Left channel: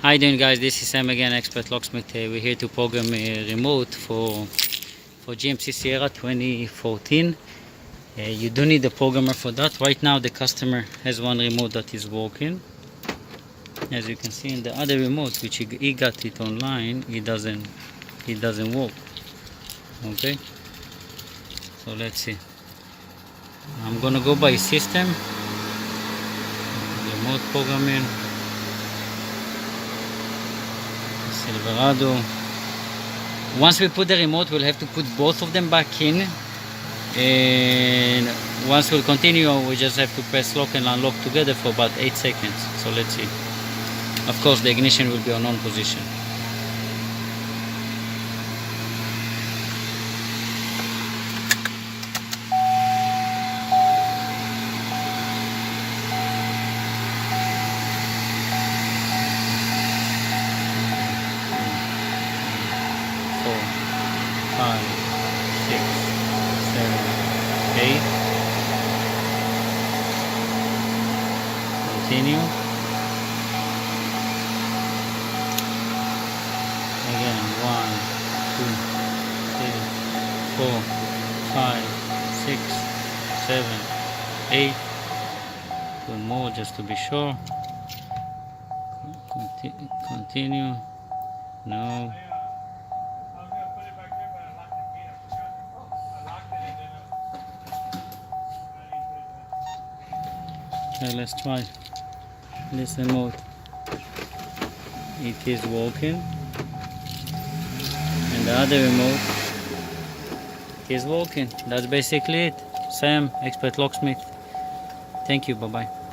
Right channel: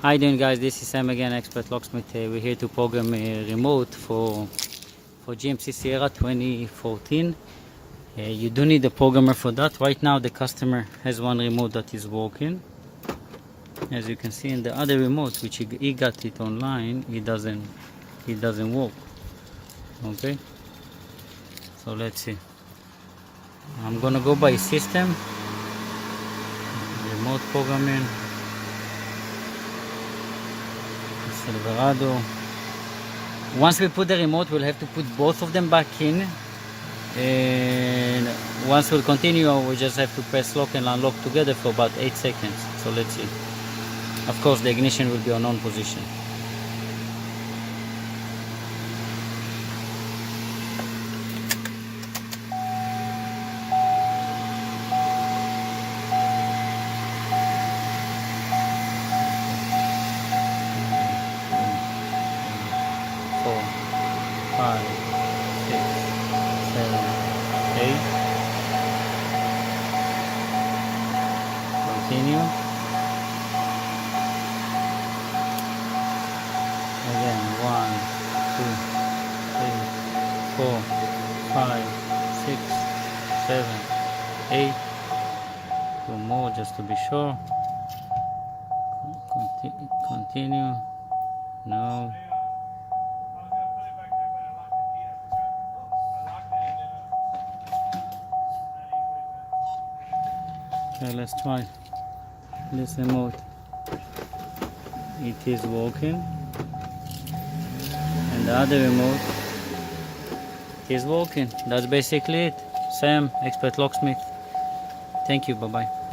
How you doing, guys? This is Sam again, Expert Locksmith. We're here to program a remote for GMC Sierra 2014. You do need a programmer for that. Right now the customer has one remote that is working. As you can see in the other remote, which he got it online, it doesn't work. Okay, so let's see. I'm gonna go by system, remote programming, Silverado. Once we put the remote, we'll have to put both of them back in, and once we'll continue, we just have to press lock and unlock together for about 8 seconds. So let's see. Of course the ignition will be on on position. Four, 5, 6, 7, 8. Continue. Again, 1, 2, 3, 4, 5, 6, 7, 8. 2 more just to be sure. Continue. No. Okay, let's try this remote. It is working, and the other remote is working. That's basically it. Sam, Expert Locksmith. Thank you. Bye bye.